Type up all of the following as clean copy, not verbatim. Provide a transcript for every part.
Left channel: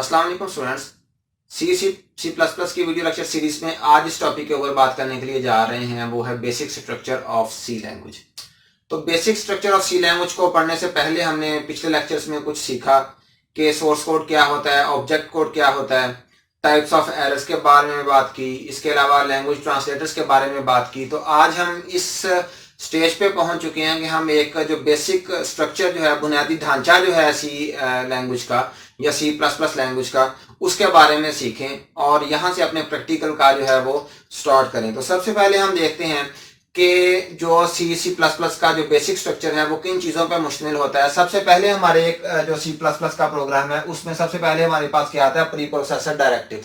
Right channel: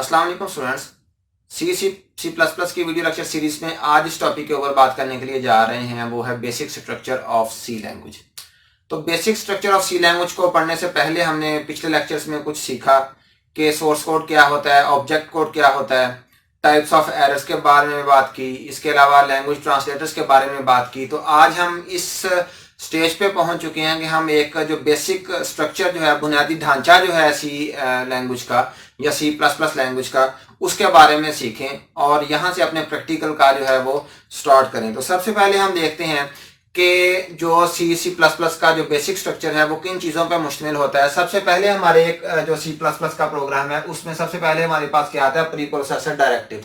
अस्सलाम वालेकुम students. C plus plus की वीडियो लेक्चर सीरीज में आज इस टॉपिक के ऊपर बात करने के लिए जा रहे हैं, वो है basic structure of C language. तो basic structure of C language को पढ़ने से पहले हमने पिछले लेक्चर्स में कुछ सीखा कि सोर्स कोड क्या होता है, ऑब्जेक्ट कोड क्या होता है, टाइप्स ऑफ एरर्स के बारे में बात की, इसके अलावा लैंग्वेज ट्रांसलेटर्स के बारे में बात की। तो आज हम इस स्टेज पे पहुंच चुके हैं कि हम एक जो बेसिक स्ट्रक्चर जो है, बुनियादी ढांचा जो है सी लैंग्वेज का या सी प्लस प्लस लैंग्वेज का, उसके बारे में सीखें और यहाँ से अपने प्रैक्टिकल का जो है वो स्टार्ट करें। तो सबसे पहले हम देखते हैं कि जो सी प्लस प्लस का जो बेसिक स्ट्रक्चर है वो किन चीज़ों पर मुश्तमिल होता है। सबसे पहले हमारे एक जो सी प्लस प्लस का प्रोग्राम है उसमें सबसे पहले हमारे पास क्या आता है, pre processor directive.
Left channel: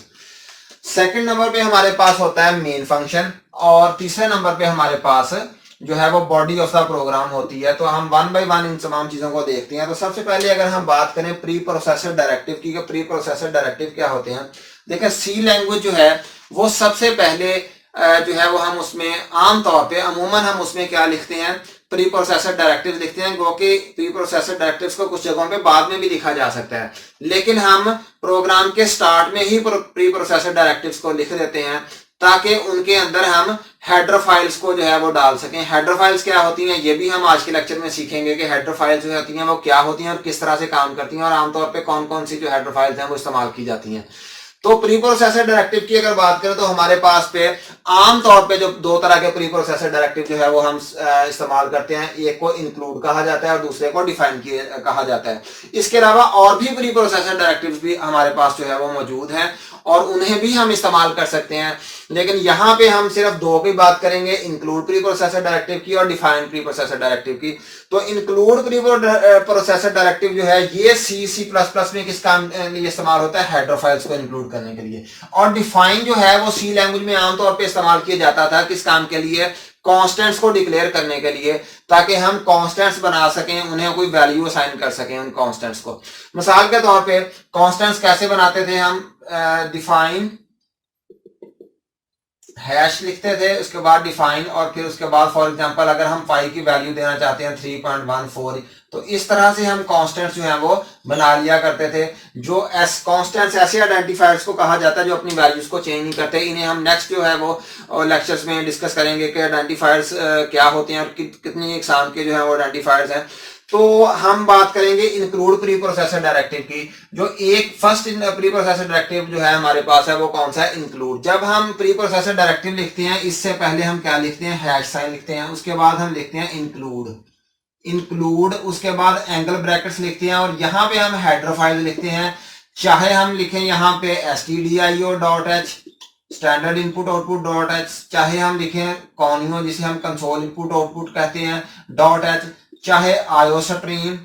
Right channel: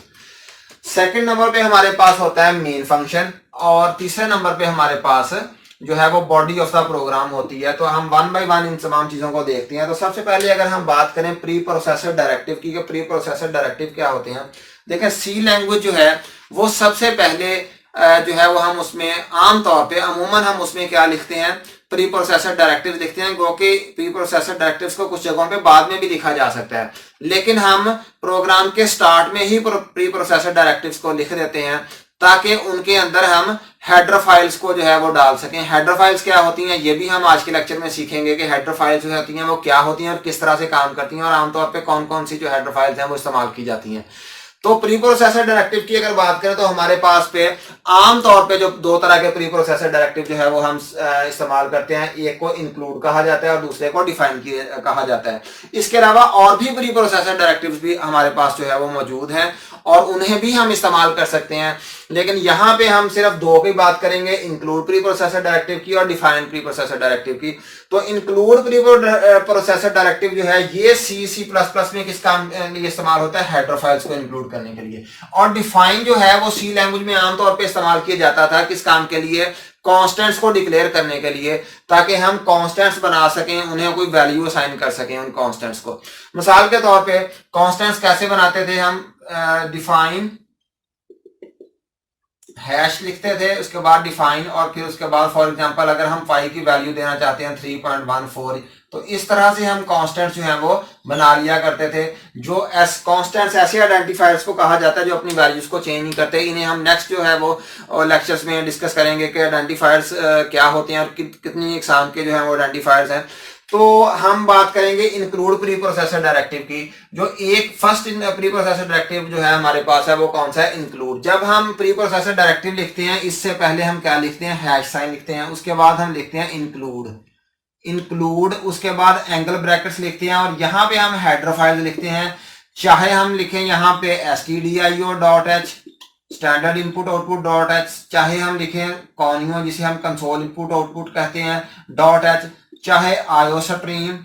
Second number पे हमारे पास होता है मेन फंक्शन और तीसरे नंबर पे हमारे पास जो है वो बॉडी ऑफ द प्रोग्राम होती है। तो हम वन बाय वन इन तमाम चीजों को देखते हैं। तो सबसे पहले अगर हम बात करें प्री प्रोसेसर डायरेक्टिव की, प्री प्रोसेसर डायरेक्टिव क्या होते हैं। देखिए सी लैंग्वेज जो है वो सबसे पहले जो है वो हम उसमें आमतौर पे अमूमन हम उसमें क्या लिखते हैं, प्री प्रोसेसर डायरेक्टिव लिखते हैं, क्योंकि प्री प्रोसेसर डायरेक्टिव्स को कुछ जगहों पे बाद में भी लिखा जा सकता है, लेकिन हम प्रोग्राम के स्टार्ट में ही प्री प्रोसेसर डायरेक्टिव्स को लिख देते हैं ताकि उनके अंदर हम हेडर फाइल्स को जो है वो डाल सकें। हेडर फाइल्स क्या होती हैं ये भी हम आज के लेक्चर में सीखेंगे कि हेडर फाइल्स जो होती हैं वो क्या होती हैं और किस तरह से काम करती हैं और आमतौर पे कौन कौन सी जो हेडर फाइल्स हैं वो इस्तेमाल की जाती हैं। तो प्री प्रोसेसर डायरेक्टिव की अगर बात करें तो हमारे पास पे आमतौर पे जो दो तरह के प्री प्रोसेसर डायरेक्टिव जो है वो हम इस्तेमाल करते हैं। एक को इंक्लूड कहा जाता है और दूसरे को डिफाइन कहा जाता है। इसके अलावा और भी प्री प्रोसेसर डायरेक्टिव्स भी हमारे पास जो है वो मौजूद हैं और उन्हें भी हम इस्तेमाल कर सकते हैं, लेकिन यहाँ पे हम सिर्फ दो की बात करेंगे, इंक्लूड प्री प्रोसेसर डायरेक्टिव की और डिफाइन प्री प्रोसेसर डायरेक्टिव की। तो इंक्लूड प्री प्रोसेसर डायरेक्टिव जो है ये सी प्लस प्लस में किस काम लिए इस्तेमाल होता है, हेडर फाइल्स को इंक्लूड करने के लिए। और डिफाइन जो है वो सी लैंग्वेज में आमतौर पर इस्तेमाल किया जाता था किस काम के लिए, कॉन्स्टेंट्स को डिक्लेयर करने के लिए, ताकि हम कॉन्स्टेंट्स बना सकें, उन्हें कोई वैल्यू असाइन कर सकें उन कॉन्स्टेंट्स को। मिसाल के तौर पे कॉन्स्टेंट्स कैसे बनाते थे हम, डिफाइन हैश लिखते थे, उसके बाद डिफाइन और फिर उसके बाद फॉर एग्जांपल अगर हम फाई की वैल्यू देना चाहते हैं 3.14, तो इस तरह से हम कांस्टेंट्स जो हैं वो बना लिया करते थे। जो कांस्टेंट्स ऐसे आइडेंटिफायर्स को कहा जाता है जो अपनी वैल्यूज को चेंज नहीं करते। इन्हें हम नेक्स्ट जो है वो लेक्चर्स में डिस्कस करेंगे कि आइडेंटिफायर्स क्या होते हैं और कितनी इकसाम के जो है वो आइडेंटिफायर्स हैं। तो हम बात करेंगे इंक्लूड प्री प्रोसेसर डायरेक्टिव की। जो एक फर्स्ट प्री प्रोसेसर डायरेक्टिव जो है हमारे पास है वो कौन सा है, इंक्लूड। जब हम प्री प्रोसेसर डायरेक्टिव लिखते हैं इससे पहले हम क्या लिखते हैं, हैश साइन लिखते हैं, उसके बाद हम लिखते हैं इंक्लूड, उसके बाद एंगल ब्रैकेट्स लिखते हैं और यहाँ पे हम हेडर फाइल लिखते हैं। चाहे हम लिखें यहाँ पे stdio.h standard input output .h, चाहे हम लिखें कॉनियो जिसे हम कंसोल इनपुट आउटपुट कहते हैं .h, चाहे आयोस्ट्रीम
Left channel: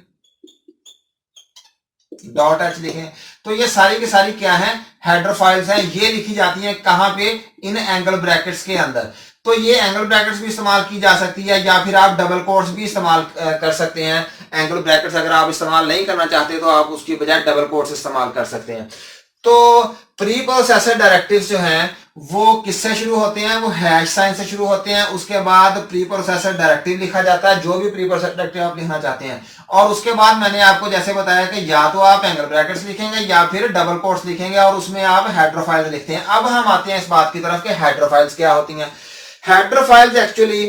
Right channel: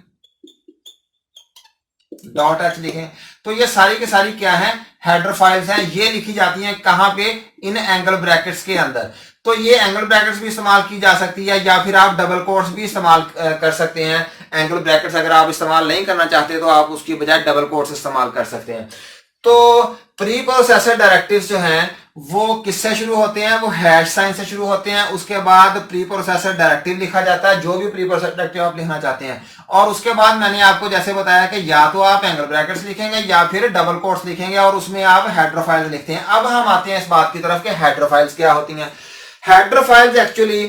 .h लिखें। तो ये सारी की सारी क्या है, हेडर फाइल्स हैं। ये लिखी जाती हैं कहां पे, इन एंगल ब्रैकेट्स के अंदर। तो ये एंगल ब्रैकेट्स भी इस्तेमाल की जा सकती है या फिर आप डबल कोट्स भी इस्तेमाल कर सकते हैं। एंगल ब्रैकेट्स अगर आप इस्तेमाल नहीं करना चाहते तो आप उसकी बजाय डबल कोट्स इस्तेमाल कर सकते हैं। तो प्री प्रोसेसर डायरेक्टिव्स जो हैं वो किससे शुरू होते हैं, वो हैश साइन से शुरू होते हैं। उसके बाद प्री प्रोसेसर डायरेक्टिव लिखा जाता है, जो भी प्री प्रोसेसर डायरेक्टिव आप लिखना चाहते हैं, और उसके बाद मैंने आपको जैसे बताया कि या तो आप एंगल ब्रैकेट्स लिखेंगे या फिर डबल कोट्स लिखेंगे और उसमें आप हेडर फाइल लिखते हैं। अब हम आते हैं इस बात की तरफ कि हेडर फाइल्स क्या होती हैं। हेडर फाइल्स एक्चुअली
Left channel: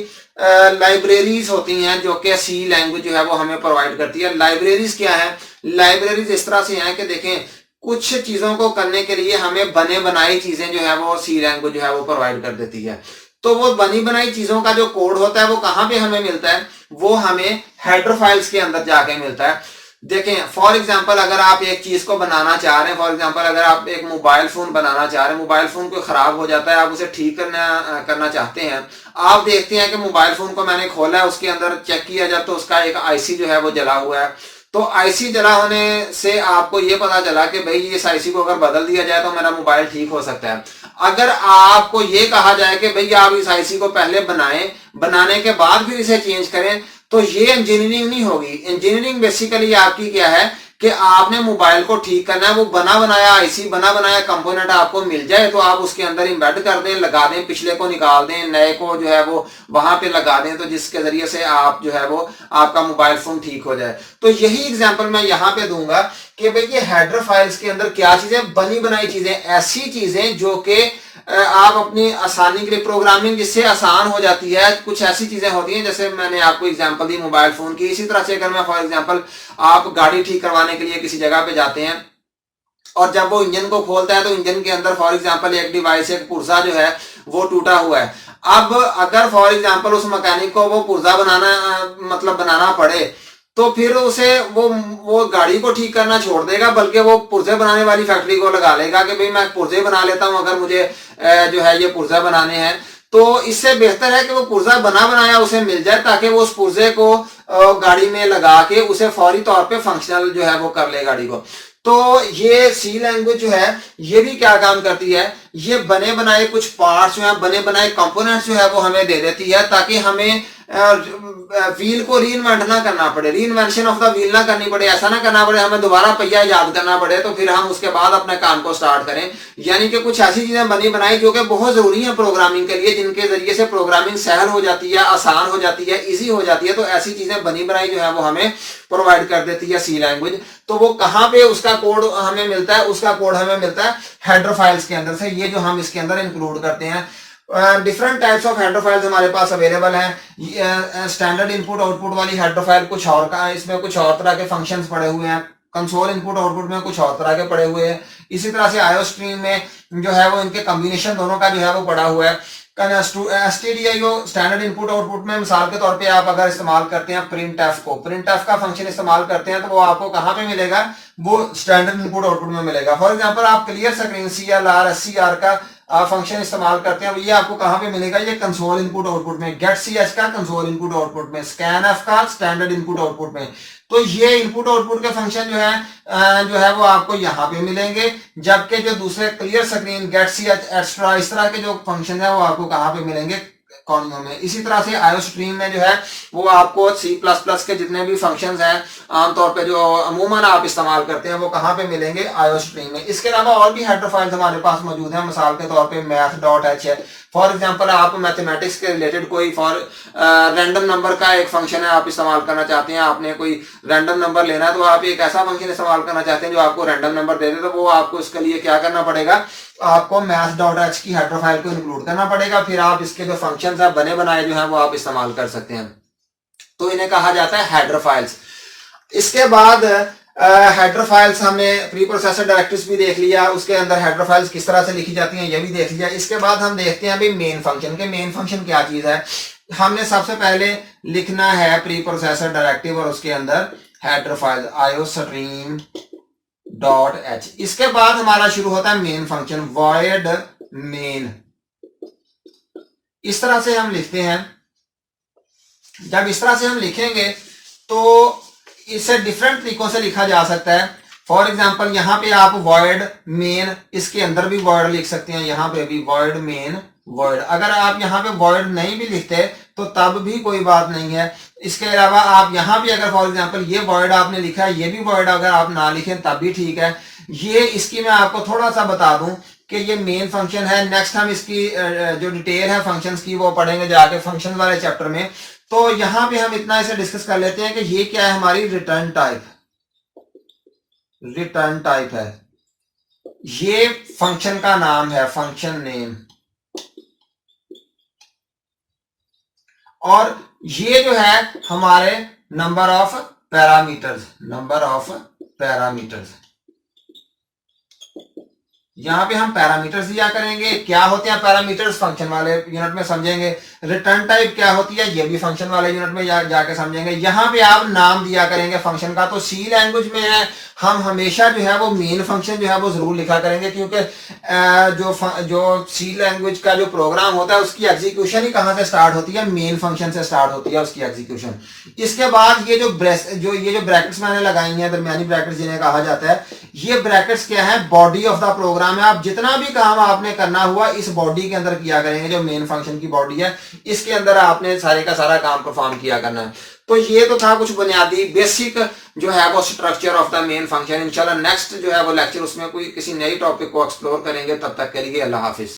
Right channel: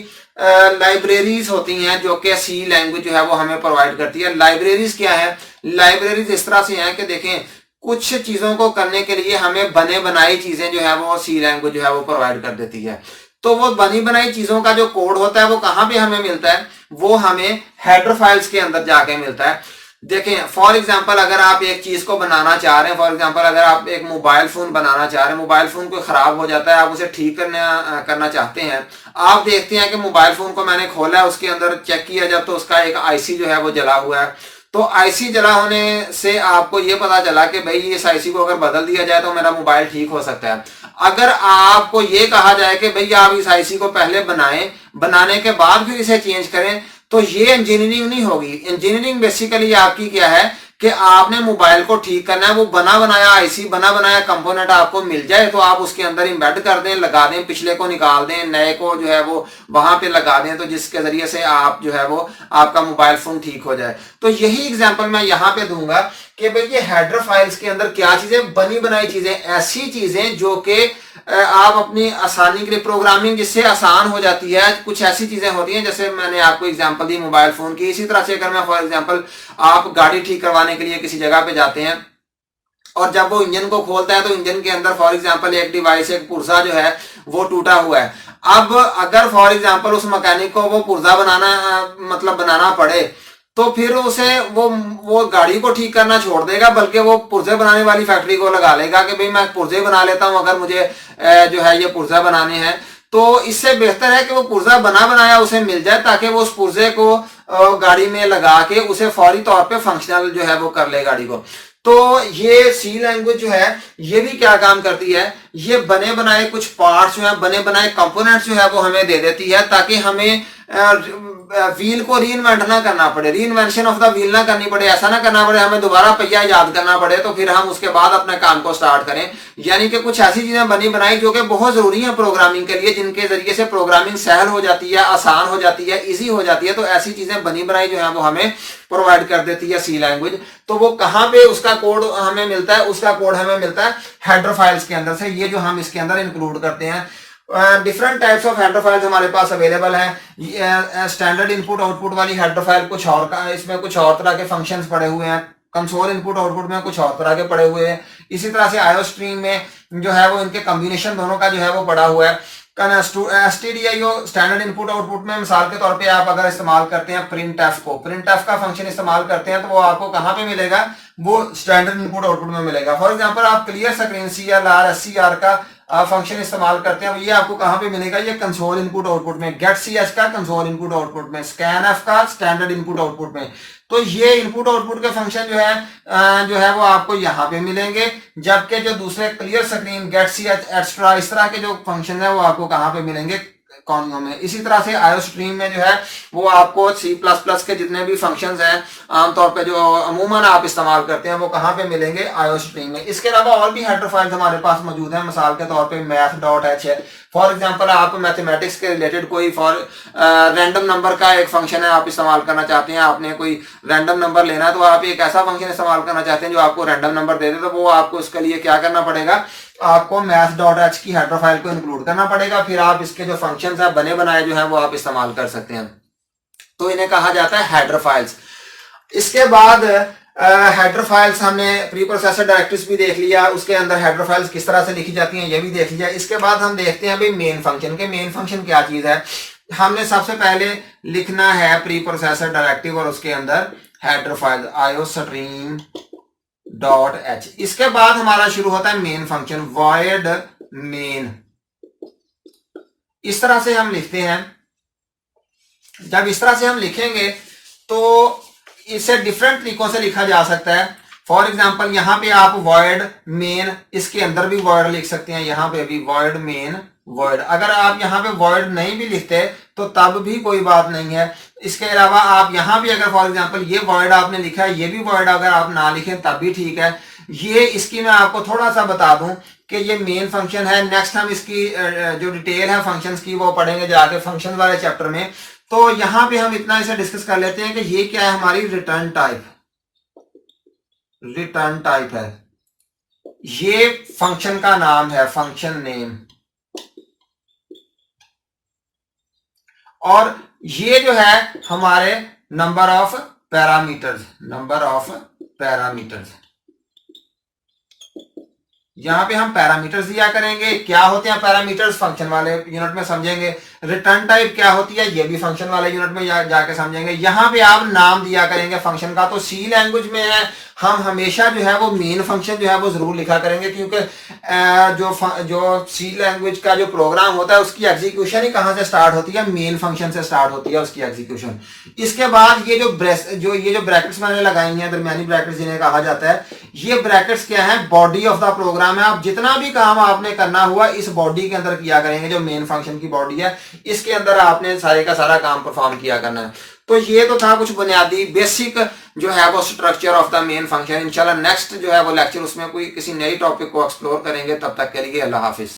लाइब्रेरीज होती हैं जो कि सी लैंग्वेज जो है वो हमें प्रोवाइड करती है। लाइब्रेरीज क्या है, लाइब्रेरीज इस तरह से हैं कि देखें कुछ चीजों को करने के लिए हमें बने बनाई चीजें जो है वो सी लैंग्वेज जो है वो प्रोवाइड कर देती है। तो वो बनी बनाई चीजों का जो कोड होता है वो कहां पे हमें मिलता है, वो हमें हेडर फाइल्स के अंदर जाके मिलता है। देखें फॉर एग्जांपल अगर आप एक चीज को बनाना चाह रहे हैं, फॉर एग्जांपल अगर आप एक मोबाइल फोन बनाना चाह रहे हैं, मोबाइल फोन कोई खराब हो जाता है, आप उसे ठीक करना चाहते हैं। आप देखते हैं कि मोबाइल फोन को मैंने खोला है, उसके अंदर चेक किया जाए तो उसका एक आईसी जो है वो जला हुआ है। तो आईसी जला होने से आपको ये पता चला कि भाई इस आईसी को अगर बदल दिया जाए तो मेरा मोबाइल ठीक हो सकता है। अगर आपको ये कहा जाए कि भाई आप इस आईसी को पहले बनाएं, बनाने के बाद फिर इसे चेंज करें, तो ये इंजीनियरिंग नहीं होगी। इंजीनियरिंग बेसिकली आपकी क्या है कि आपने मोबाइल को ठीक करना है। वो बना बनाया आईसी, बना बनाया कंपोनेंट आपको मिल जाए तो आप उसके अंदर इम्बेड कर दें, लगा दें, पिछले को निकाल दें, नए को जो है वो वहां पे लगा दें, तो जिसके जरिए से आप जो है वो आपका मोबाइल फोन ठीक हो जाए। तो यही एग्जांपल मैं यहाँ पे दूंगा कि भाई ये हेडर फाइल्स के अंदर क्या चीजें, बनी बनाई चीजें, ऐसी चीजें जो कि आप अपनी आसानी के लिए, प्रोग्रामिंग जिससे आसान हो जाती है, कुछ ऐसी चीजें होती हैं, जैसे मैंने आपको एग्जांपल दी मोबाइल फोन की। इसी तरह से अगर मैं फॉर एग्जांपल आप गाड़ी ठीक करवाने के लिए किसी जगह पे जाते हैं और जब वो इंजन को खोलता है तो इंजन के अंदर फॉर एग्जांपल एक डिवाइस, एक पुर्जा जो है वो टूटा हुआ है। अब अगर फॉर एग्जांपल उस मैकेनिक को वो पुर्जा बनाना मतलब बनाना पड़े, तो फिर उसे वो गाड़ी को ठीक करना छोड़ देगा, बल्कि वो पुर्जे बनाने वाली फैक्ट्री को लगा लेगा कि भाई मैं पुर्जे बना लेता हूं अगर मुझे जो है ये पुर्जा बनाने हैं। तो इससे बेहतर है कि वो पुर्जा बना बनाया उसे मिल जाए, ताकि वो उस पुर्जे को गाड़ी में लगा के उसे फौरी तौर पे फंक्शनल जो है वो कर ले गाड़ी को। तो ये सी लैंग्वेज जो है ये भी क्या काम करती है, ये बने बनाए कुछ पार्ट्स जो है, बने बनाए कंपोनेंट्स जो है वो हमें दे देती है, ताकि हमें व्हील को रीइन्वेंट ना करना पड़े, रीइन्वेंशन ऑफ द व्हील ना करनी पड़े, ऐसा ना करना पड़े हमें दोबारा पहिया याद करना पड़े तो फिर हम उसके बाद अपने काम को स्टार्ट करें। यानी कि कुछ ऐसी चीजें बनी बनाई जो कि बहुत जरूरी है प्रोग्रामिंग के लिए, जिनके जरिए से प्रोग्रामिंग सहल हो जाती है, आसान हो जाती है, इजी हो जाती है। तो ऐसी चीजें बनी बनाई जो है वो हमें प्रोवाइड कर देती है सी लैंग्वेज। तो वो कहां पे उसका कोड हमें मिलता है, उसका कोड हमें मिलता है हेडर फाइल्स के अंदर से, ये जो हम इसके अंदर इंक्लूड करते हैं। Different types of header files हमारे पास अवेलेबल हैं। स्टैंडर्ड इनपुट आउटपुट वाली हेडर फाइल कुछ और का, इसमें कुछ और तरह के फंक्शंस पड़े हुए हैं। कंसोल इनपुट आउटपुट में कुछ और तरह के पड़े हुए हैं। इसी तरह से आईओ स्ट्रीम में जो है वो इनके कॉम्बिनेशन दोनों का जो है वो पड़ा हुआ है। एसटीडीआईओ स्टैंडर्ड इनपुट आउटपुट में मिसाल के तौर पे आप अगर इस्तेमाल करते हैं प्रिंट एफ को, प्रिंट एफ का फंक्शन इस्तेमाल करते हैं तो वो आपको कहां पे मिलेगा, वो स्टैंडर्ड इनपुट आउटपुट में मिलेगा। फॉर एग्जांपल आप क्लियर स्क्रीन CLR SCR का फंक्शन इस्तेमाल करते हैं, ये आपको कहां पे मिलेगा, ये कंसोल इनपुट आउटपुट में, गेट CH का कंसोल इनपुट आउटपुट में, स्कैन एफ का स्टैंडर्ड इनपुट आउटपुट में। तो ये इनपुट आउटपुट के फंक्शन जो है वो आपको यहाँ पे मिलेंगे, जबकि जो दूसरे clear screen, get CH extra, इस तरह के जो फंक्शन है वो आपको कहाँ पे मिलेंगे, कॉन्गो में। इसी तरह से आईओ स्ट्रीम में जो है वो आपको C++ के जितने भी फंक्शंस हैं आमतौर पे जो अमूमन आप इस्तेमाल करते हैं वो कहाँ पे मिलेंगे, आईओ स्ट्रीम में। इसके अलावा और भी हेडर फाइल्स हमारे पास मौजूद है। मिसाल के तौर पे math.h है। फॉर एग्जांपल आप मैथमेटिक्स के रिलेटेड कोई रैंडम नंबर का एक फंक्शन है आप इस्तेमाल करना चाहते हैं, आपने कोई रैंडम नंबर लेना है तो आप एक ऐसा फंक्शन इस्तेमाल करना चाहते हैं जो आपको रैंडम नंबर दे दे, तो वो आपको इसके लिए क्या करना पड़ेगा, आपको math.h की हेडर फाइल को इंक्लूड करना पड़ेगा। फिर आप इसके जो फंक्शंस हैं बने बनाए जो हैं वो आप इस्तेमाल कर सकते हैं। तो इन्हें कहा जाता है हेडर फाइल्स। इसके बाद हेडर फाइल्स हमने प्री प्रोसेसर डायरेक्टरीज भी देख लिया, उसके अंदर हेडर फाइल्स किस तरह से लिखी जाती हैं ये भी देख लिया। इसके बाद हम देखते हैं भाई मेन फंक्शन के, मेन फंक्शन क्या चीज है। हमने सबसे पहले लिखना है प्री प्रोसेसर डायरेक्टिव और उसके अंदर हेडर फाइल iostream.h। इसके बाद हमारा शुरू होता है मेन फंक्शन void main। इस तरह से हम लिखते हैं। जब इस तरह से हम लिखेंगे तो इसे डिफरेंट तरीकों से लिखा जा सकता है। फॉर एग्जांपल यहाँ पे आप void main, इसके अंदर भी void लिख सकते हैं, यहाँ पे भी void main void। अगर आप यहाँ पे void नहीं भी लिखते तो तब भी कोई बात नहीं है। इसके अलावा आप यहाँ भी अगर फॉर एग्जांपल ये void आपने लिखा है, ये भी void अगर आप ना लिखें तब भी ठीक है। ये इसकी मैं आपको थोड़ा सा बता दूं कि ये मेन फंक्शन है। नेक्स्ट हम इसकी जो डिटेल है फंक्शंस की वो पढ़ेंगे जाके फंक्शन वाले चैप्टर में। तो यहां पे हम इतना इसे डिस्कस कर लेते हैं कि ये क्या है, हमारी रिटर्न टाइप, रिटर्न टाइप है। ये फंक्शन का नाम है, फंक्शन नेम। और ये जो है हमारे number of parameters, number of parameters. यहां पे हम पैरामीटर्स दिया करेंगे। क्या होते हैं पैरामीटर्स, फंक्शन वाले यूनिट में समझेंगे। रिटर्न टाइप क्या होती है ये भी फंक्शन वाले यूनिट में जाके समझेंगे। यहां पे आप नाम दिया करेंगे फंक्शन का। तो सी लैंग्वेज में है हम हमेशा जो है वो मेन फंक्शन जो है वो जरूर लिखा करेंगे, क्योंकि जो सी लैंग्वेज का जो प्रोग्राम होता है उसकी एग्जीक्यूशन ही कहां से स्टार्ट होती है, मेन फंक्शन से स्टार्ट होती है उसकी एग्जीक्यूशन। इसके बाद ये जो ब्रैकेट्स मैंने लगाई हैं, दरमियानी ब्रैकेट्स जिन्हें कहा जाता है, ये ब्रैकेट्स क्या है, बॉडी ऑफ द प्रोग्राम है। आप जितना भी काम आपने करना हुआ इस बॉडी के अंदर किया करेंगे, जो मेन फंक्शन की बॉडी है इसके अंदर आपने सारे का सारा काम परफॉर्म किया करना है। तो ये तो था कुछ बुनियादी बेसिक जो है वो structure of the main function. इंशाल्लाह नेक्स्ट जो है वो लेक्चर उसमें कोई किसी नई टॉपिक को एक्सप्लोर करेंगे। तब तक के लिए अल्लाह हाफिज।